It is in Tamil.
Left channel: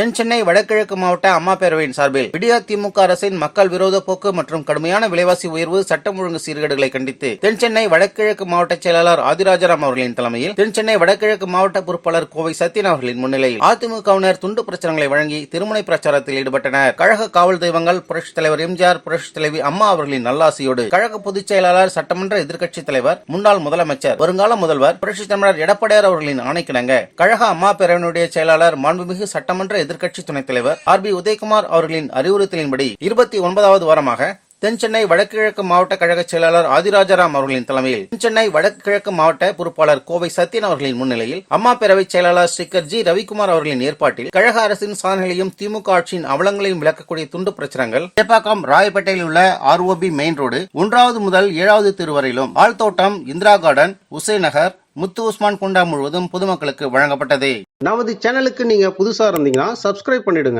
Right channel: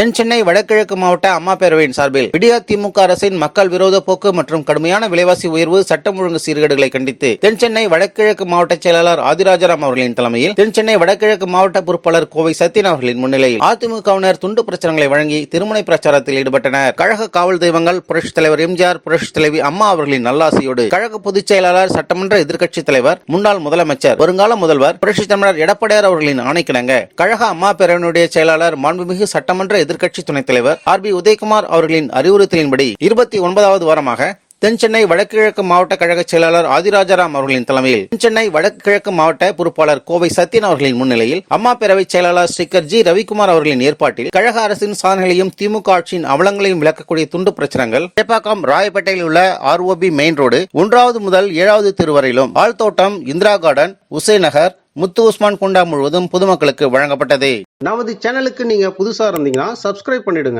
தென் சென்னை வடகிழக்கு மாவட்ட அம்மா பேரவையின் சார்பில் விடியா திமுக அரசின் மக்கள் விரோத போக்கு மற்றும் கடுமையான விலைவாசி உயர்வு சட்டம் ஒழுங்கு சீர்கேடுகளை கண்டித்து தென் சென்னை வடகிழக்கு மாவட்ட செயலாளர் ஆதிராஜராம் அவர்களின் தலைமையில் தென் சென்னை வடகிழக்கு மாவட்ட பொறுப்பாளர் கோவை சத்தியன் அவர்களின் முன்னிலையில் அதிமுகவினர் துண்டு பிரச்சாரங்களை வழங்கி திருமண பிரச்சாரத்தில் ஈடுபட்டனர். கழக காவல் தெய்வங்கள் புரட்சித் தலைவர் எம்ஜிஆர் புரட்சித் தலைவி அம்மா அவர்களின் நல்லாசியோடு கழக பொதுச் செயலாளர் சட்டமன்ற எதிர்க்கட்சித் தலைவர் முன்னாள் முதலமைச்சர் வருங்கால முதல்வர் புரட்சித் தமிழர் எடப்பாடியார் அவர்களின் ஆணைக்கிணங்க. கழக அம்மா பேரவையினுடைய செயலாளர் மாண்புமிகு சட்டமன்ற எதிர்க்கட்சி துணைத் தலைவர் ஆர் பி உதயகுமார் அவர்களின் அறிவுறுத்தலின்படி இருபத்தி ஒன்பதாவது வாரமாக தென் சென்னை வடகிழக்கு மாவட்ட கழக செயலாளர் ஆதிராஜாராம் அவர்களின் தலைமையில் தென் சென்னை வடகிழக்கு மாவட்ட பொறுப்பாளர் கோவை சத்யன் அவர்களின் முன்னிலையில் அம்மா பேரவை செயலாளர் ஸ்ரீகர் ஜி ரவிக்குமார் அவர்களின் ஏற்பாட்டில் கழக அரசின் சாதனைகளையும் திமுக ஆட்சியின் அவலங்களையும் விளக்கக்கூடிய துண்டு பிரச்சனைகள் சேப்பாக்கம் ராயப்பேட்டையில் உள்ள ஆர்ஓபி மெயின் ரோடு ஒன்றாவது முதல் ஏழாவது தெரு வரையிலும் ஆழ்தோட்டம் இந்திரா கார்டன் உசேன் நகர் முத்து உஸ்மான் குண்டா முழுவதும் பொதுமக்களுக்கு வழங்கப்பட்டது. நமது சேனலுக்கு நீங்க புதுசா இருந்தீங்கன்னா சப்ஸ்கிரைப் பண்ணிடுங்க.